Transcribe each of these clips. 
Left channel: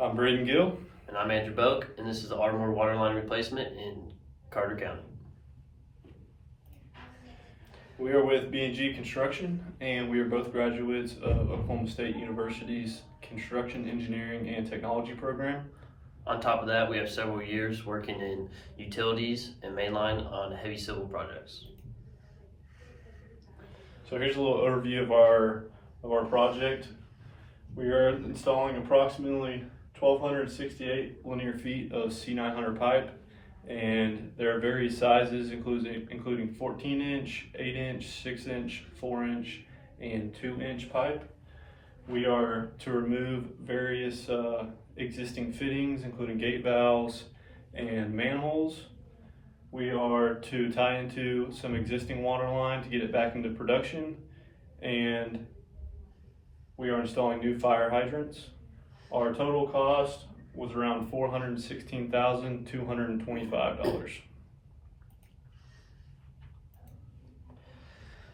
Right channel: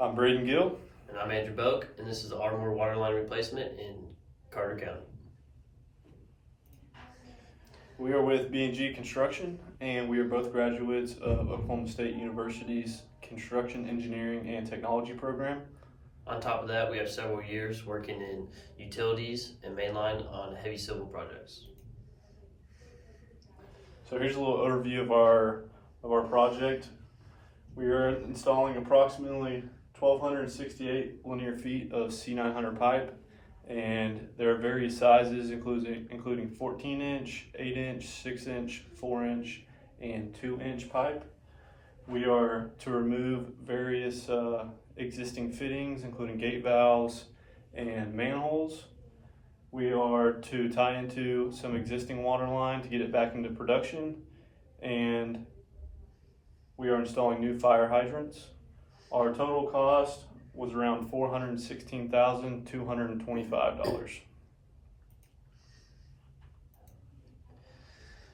I'm Braden Gill. And I'm Andrew Boak, and this is the Ardmore Waterline replacement in Carter County. We are with B&G Construction, and we are both graduates of Oklahoma State University's Construction Engineering and Technology program. On top of that, we have several years working in utilities and mainline on heavy civil projects. So here's a little overview of our project. We are installing approximately 1,268 linear feet of C900 pipe, and there are various sizes, including 14-inch, 8-inch, 6-inch, 4-inch, and 2-inch pipe. We are to remove various existing fittings, including gate valves and manholes. We are to tie into some existing water line to get it back into production, and we are installing new fire hydrants. Our total cost was around $416,225.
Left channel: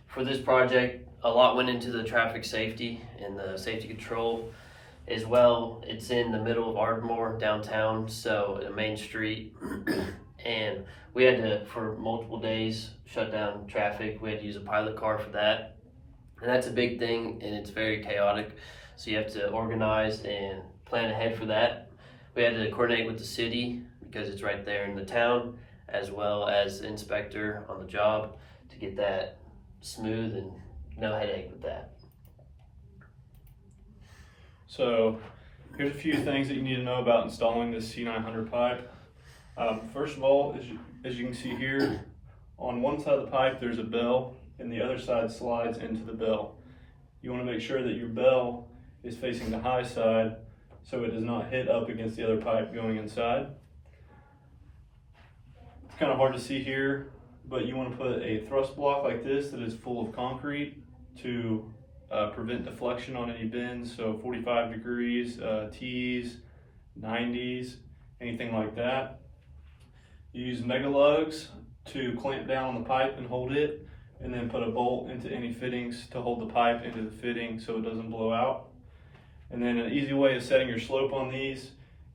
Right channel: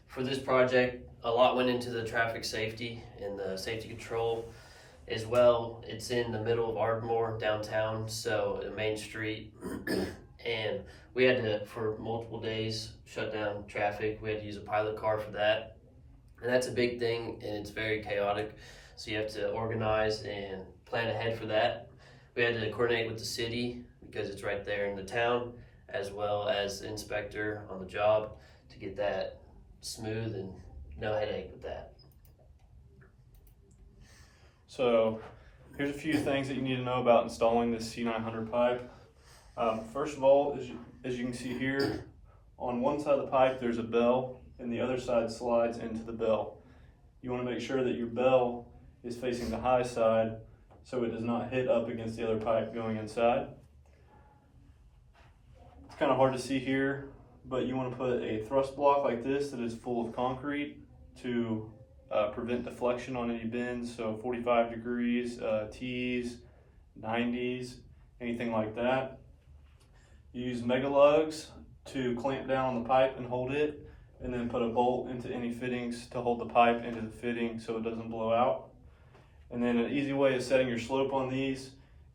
For this project, a lot went into the traffic safety and the safety control as well. It's in the middle of Ardmore downtown, so a main street, and we had to, for multiple days, shut down traffic. We had to use a pilot car for that, and that's a big thing, and it's very chaotic. So you have to organize and plan ahead for that. We had to coordinate with the city because it's right there in the town, as well as the inspector on the job to get that smooth and no headache with that. So here's a few things that you need to know about installing this C900 pipe. First of all, as you can see here, on one side of the pipe there's a bell, and the other side slides into the bell. You want to make sure that your bell is facing the high side so it does not hit up against the other pipe going inside. It's kind of hard to see here, but you want to put a thrust block like this that is full of concrete to prevent deflection on any bends, so 45 degrees, T's, 90s, anything like that. You use mega lugs to clamp down on the pipe and hold it, and then put a bolt into any fittings to hold the pipe into the fitting so it doesn't blow out. And then an easy way of setting your slope on these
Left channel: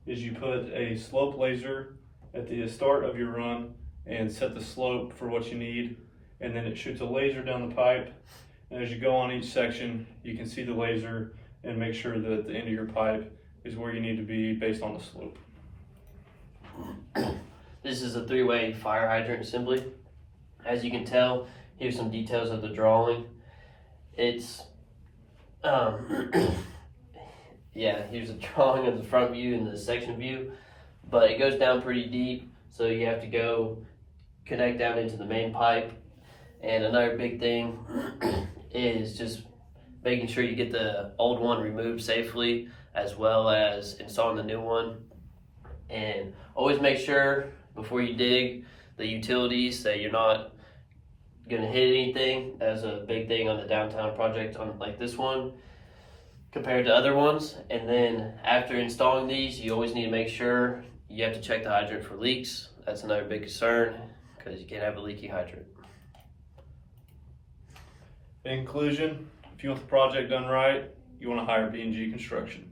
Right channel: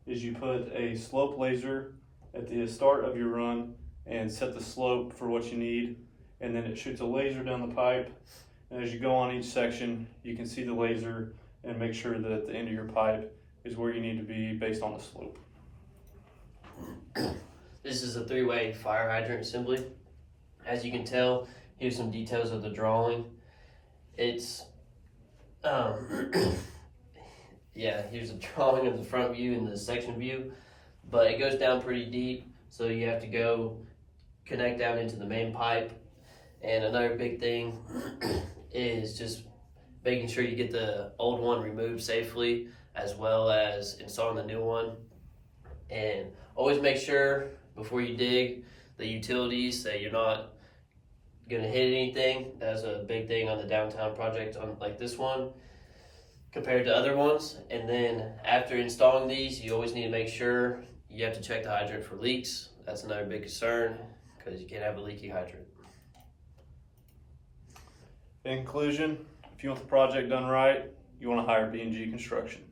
is you put a slope laser at the start of your run and set the slope for what you need, and then it shoots a laser down the pipe, and as you go on each section you can see the laser and make sure that the end of your pipe is where you need to be based on the slope. This is a 3-way fire hydrant assembly. As you can tell, here's some details of the drawing. It's yeah, here's a drawing of the front view and the section view, but it goes down pretty deep, so you have to go connect down into the main pipe. And another big thing is just making sure you get the old one removed safely, as well as installing the new one. And always make sure before you dig the utilities that you're not gonna hit anything. That's a big thing on the downtown project on like this one compared to other ones. And then after installing these, you always need to make sure you have to check the hydrant for leaks. That's another big concern because you can't have a leaky hydrant. In conclusion, if you want the project done right, you want to hire B&G Construction.